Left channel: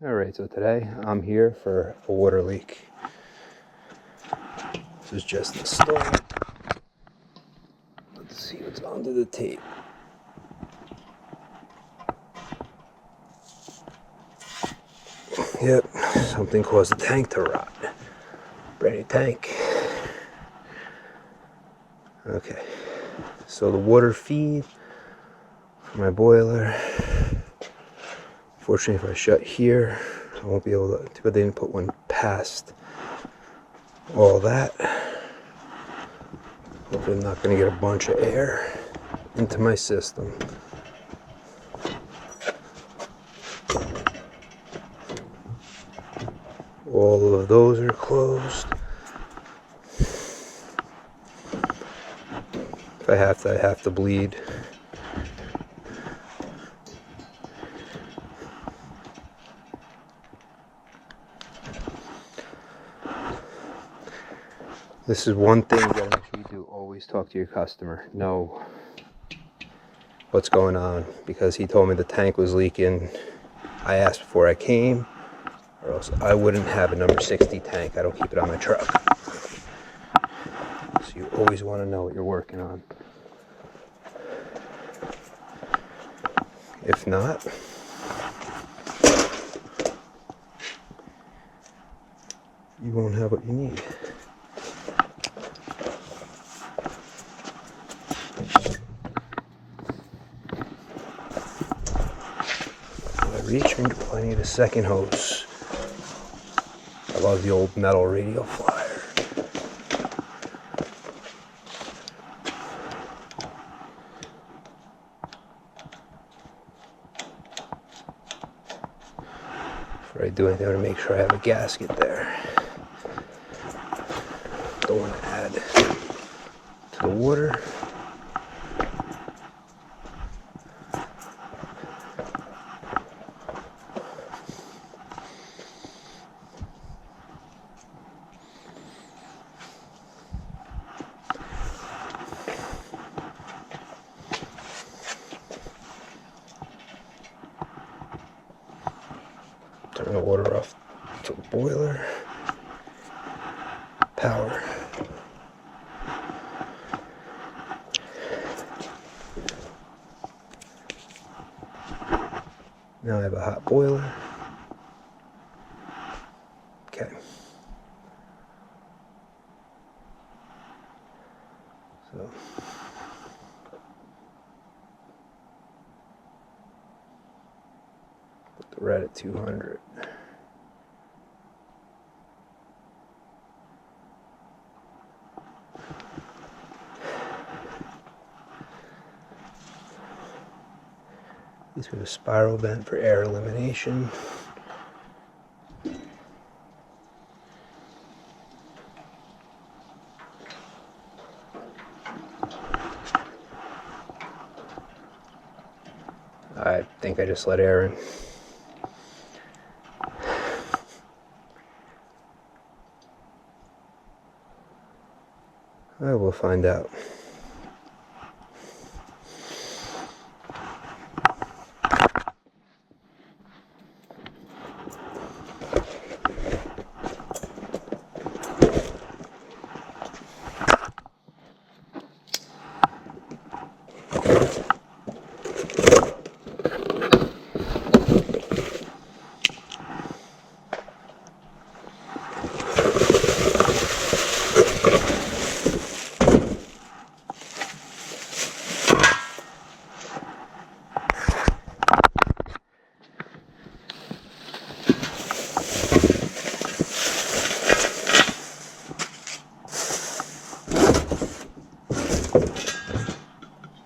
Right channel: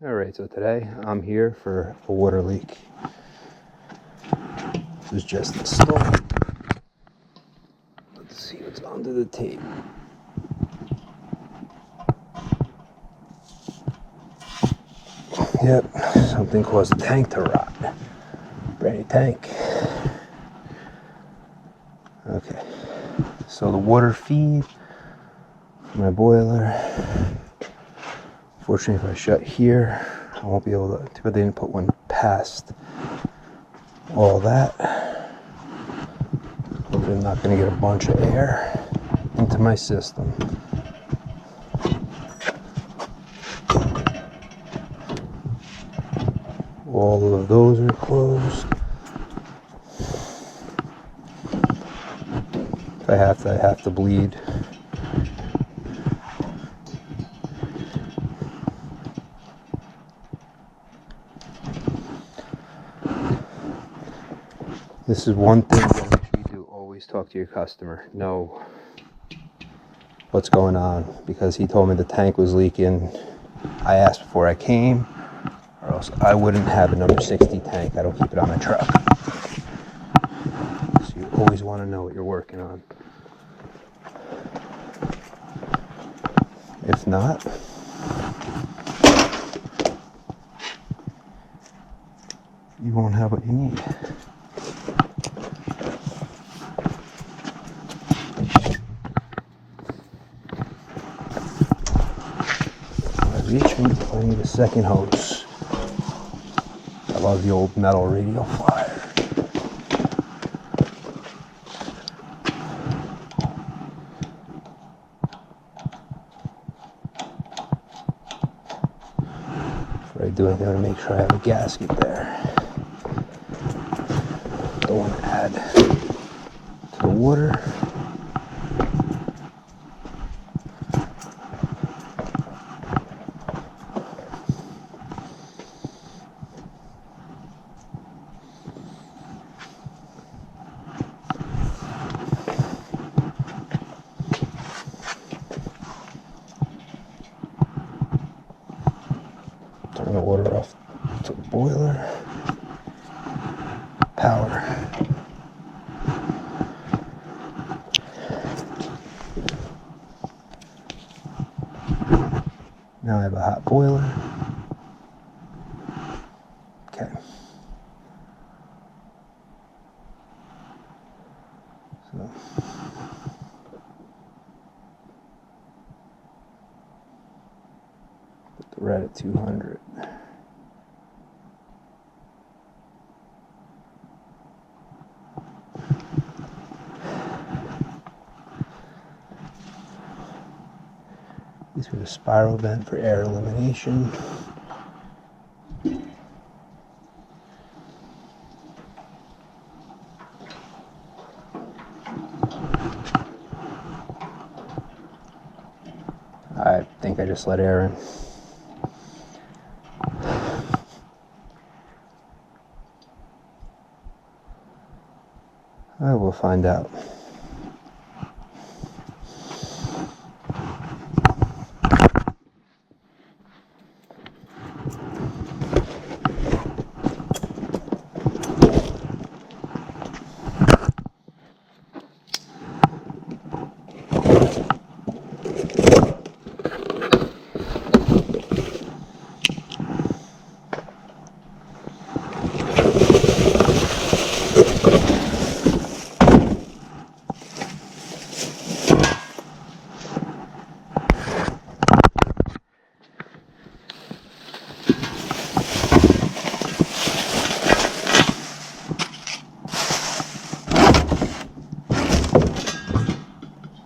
Alright, so today I'm here for a water leak. This was just installed. Let's see what's under the tape. Yep, something caused the tank to rot. Brand new tank. Okay, so the water feed for my boiler. Fortunately, if I shut here, I won't be able to, but they didn't put one past all that. Hopefully I'm not going to get a bunch of air into my system. All of those are closed. If I have to bleed. This is one thing you gotta make sure you do. Always talk to your customer. Know what's going on, because he told me the tank was leaking. I asked before I came, or else I wouldn't have a number 60 tank. I don't keep it on my truck. So you always want to know what you're working on. If not, you won't have what you need. Reaching, I need a second hose. I love the old metal radial flyer. Before I do anything, I want to make sure I have a gasket there. Don't want to add to the water. Turn the water off to the boiler. Power. Now I have a hot boiler. Okay. So put the red at 200. These are the spiral vent for air elimination. I think I just let air in. I will find out.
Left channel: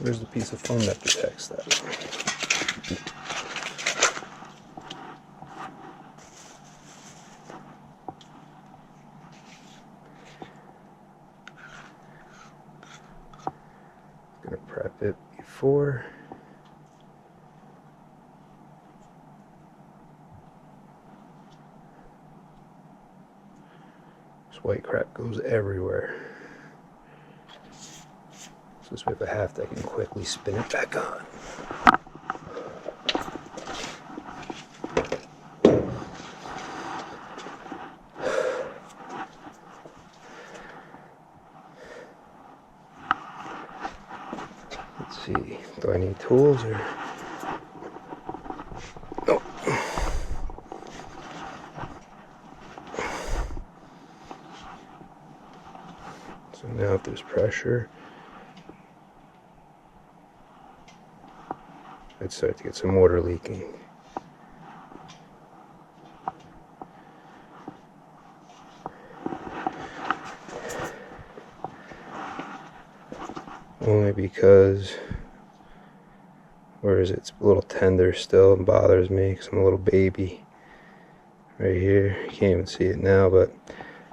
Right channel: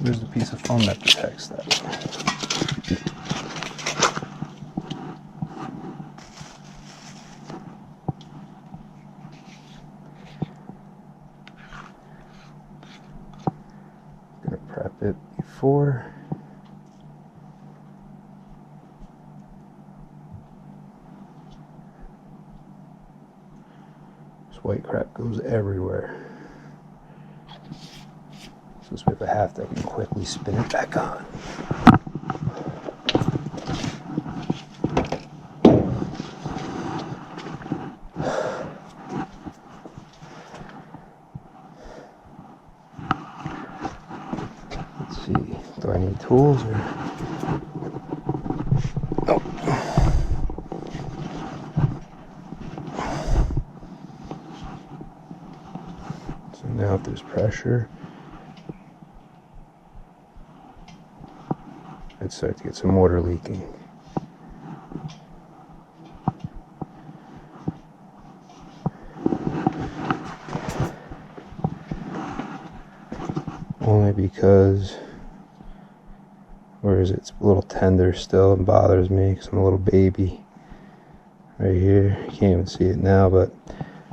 Where's the piece of foam that protects that? I'm gonna prep it before. This white crap goes everywhere. So this way, if I have to, I can quickly spin it back on. any tools or... Oh. So now if there's pressure, I'd start to get some water leaking. Only because, where is it? It's a little tender still and bothers me because I'm a little baby. Right here, you can't even see it now, but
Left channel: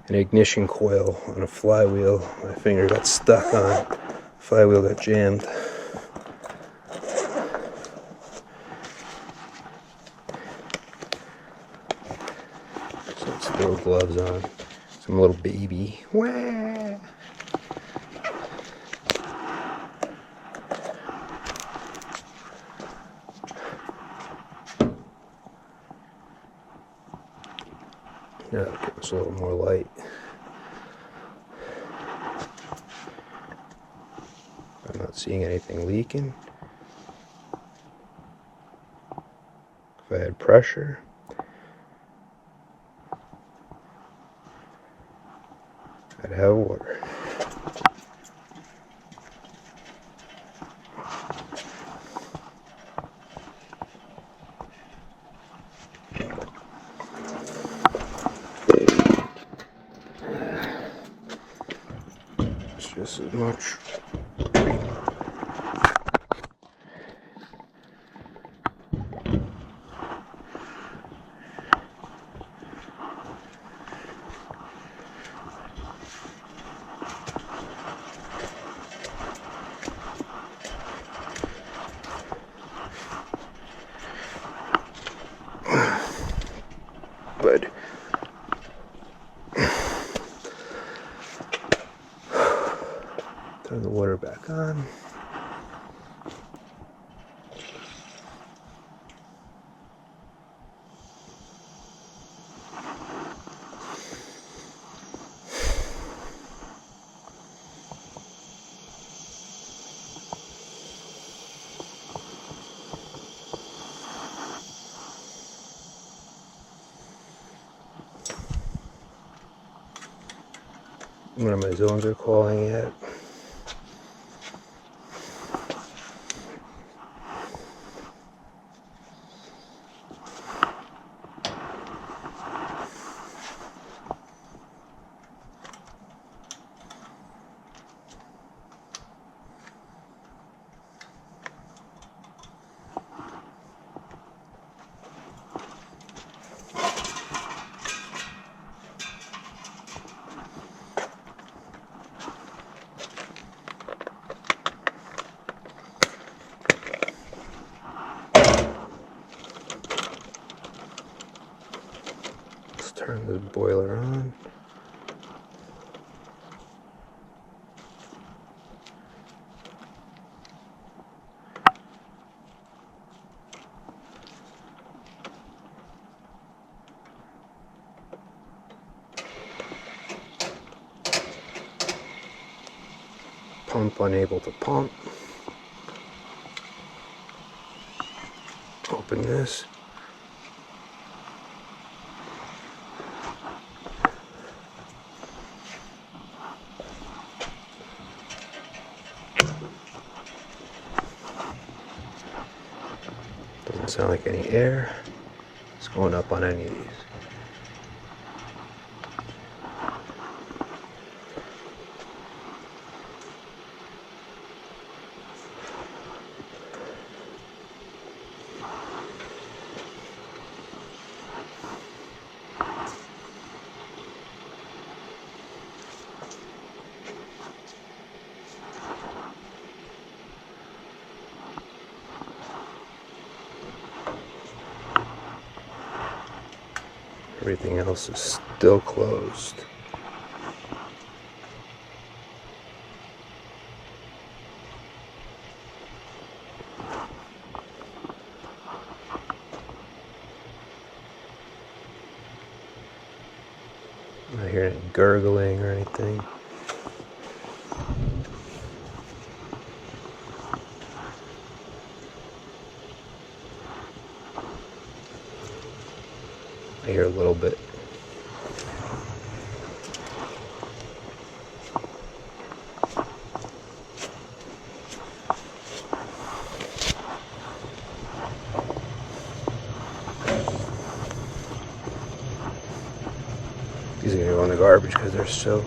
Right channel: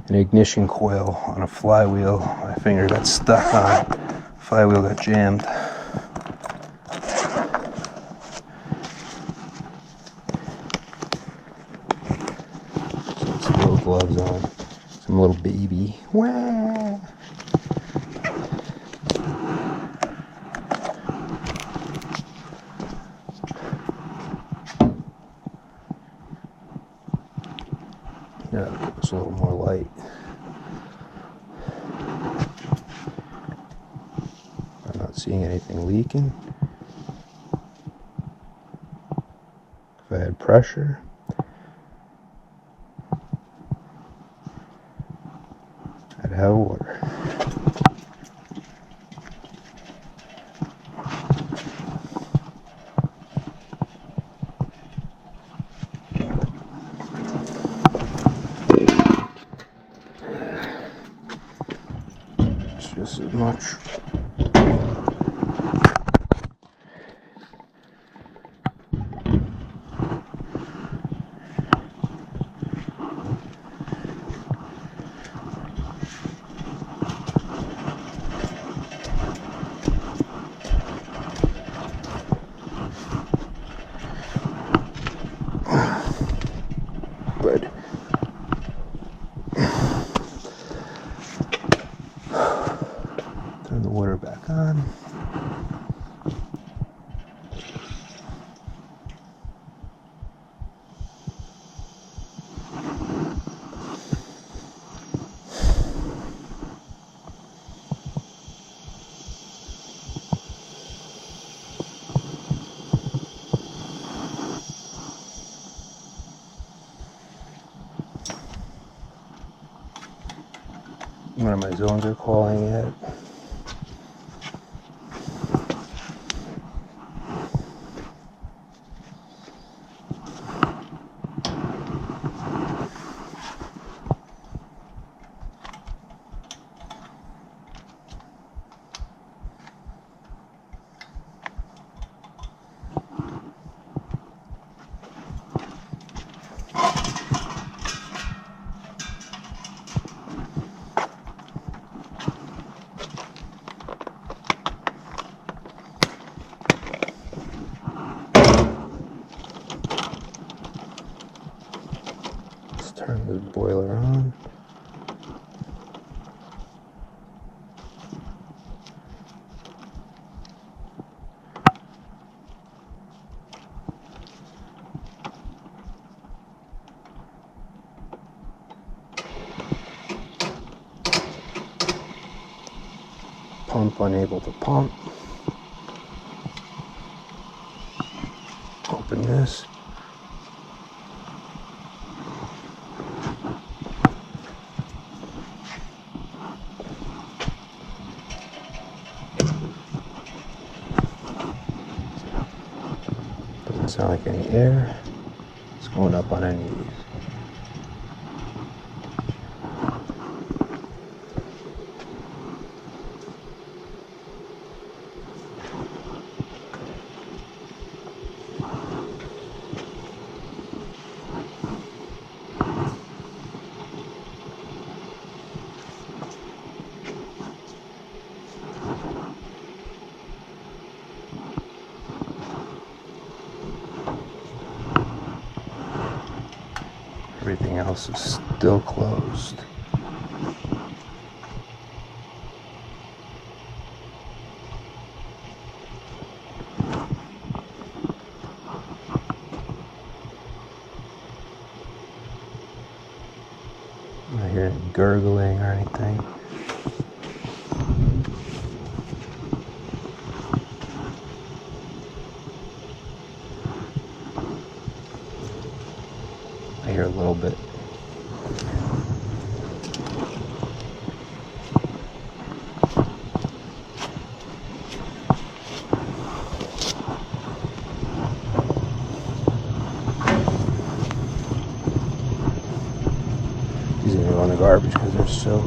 an ignition coil on a flywheel. My finger got stuck on. Flywheel got jammed. Some little gloves on. Some little baby. Wah! That'll give us a little more light. I'm not seeing anything leaking. If I had pressure, I'd have water. It's just as much. But turn the water back on. One of my zones are calling it. Turn the boiler on. Pump unable to pump. Open this. Doesn't sound like any air is going up on any of these. Everything else is still closed. I'm not hearing any gurgling or anything. I hear a little bit. These are gonna go in the garbage because they're soaked.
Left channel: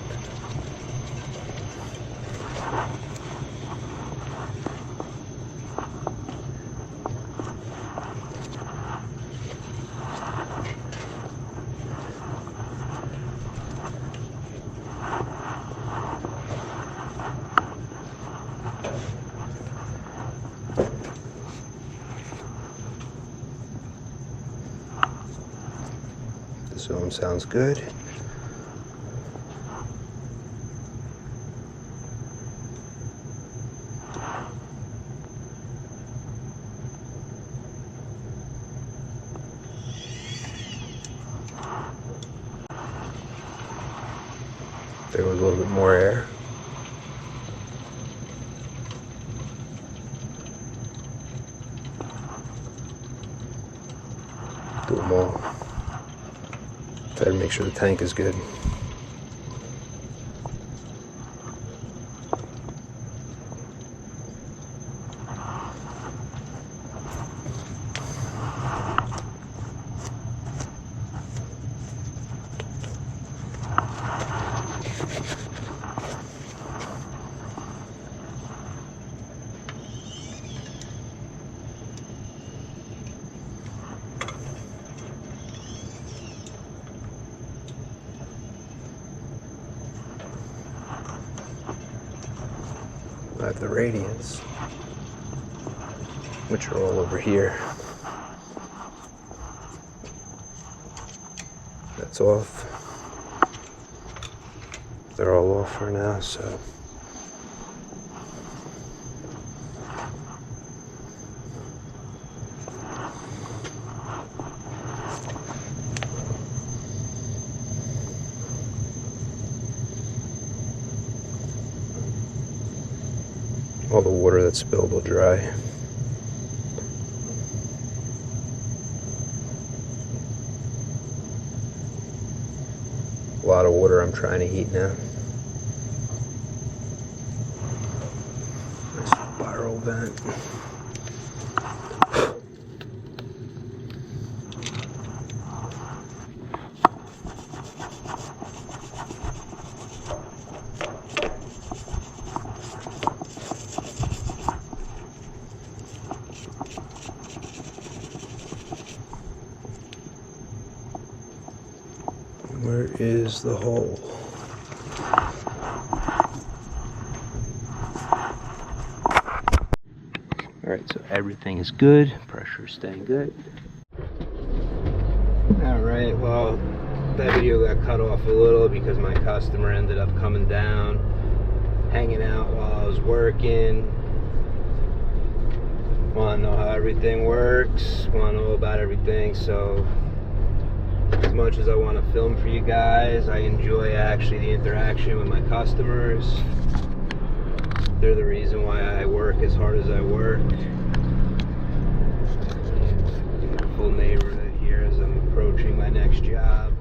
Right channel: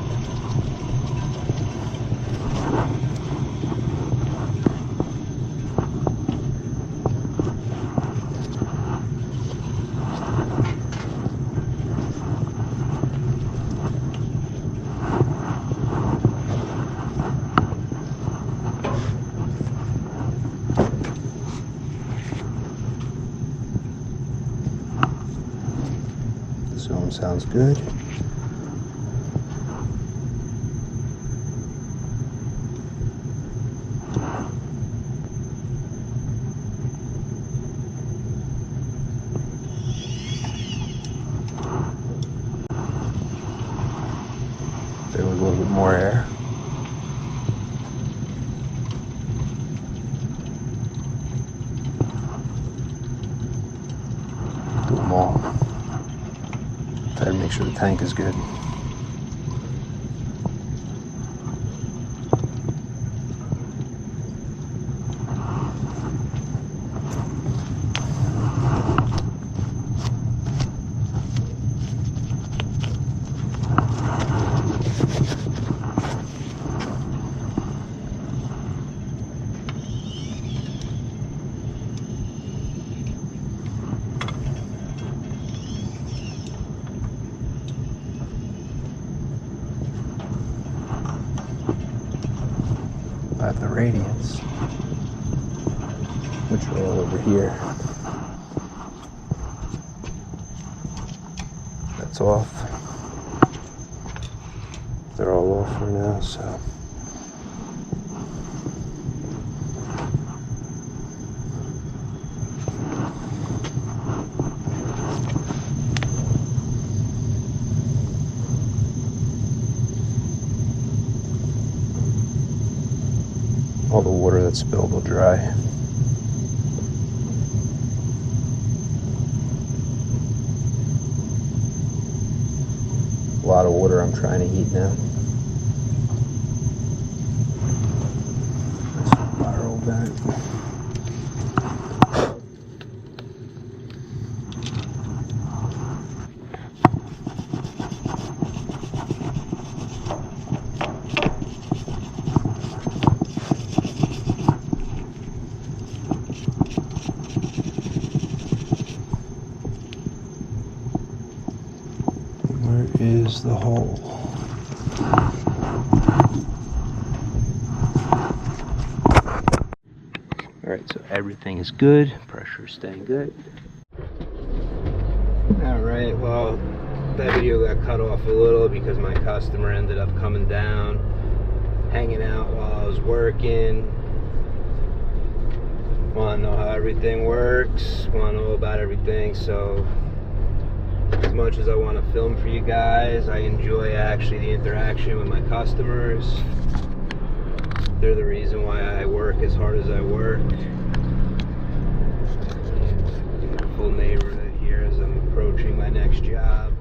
The zone sounds good. There was a little bit more air. Do them all. Try to make sure the tank is good. I have the radiants, which are all over here. That's off. They're all off for now, so. All the water that's spilled will dry. A lot of water I'm trying to heat now. Nice spiral vent. Where is the hole? Alright, so everything is good. Pressure is staying good. Alright, well, that video got cut off a little because my customer ended up coming down, hanging out while I was working. Want to know how everything works, want to know about everything, so as much as I want to film for you guys, I enjoy actually the interaction with my customers. They're the reason why I work as hard as I work. Beautiful neighborhood here as I'm approaching my next job.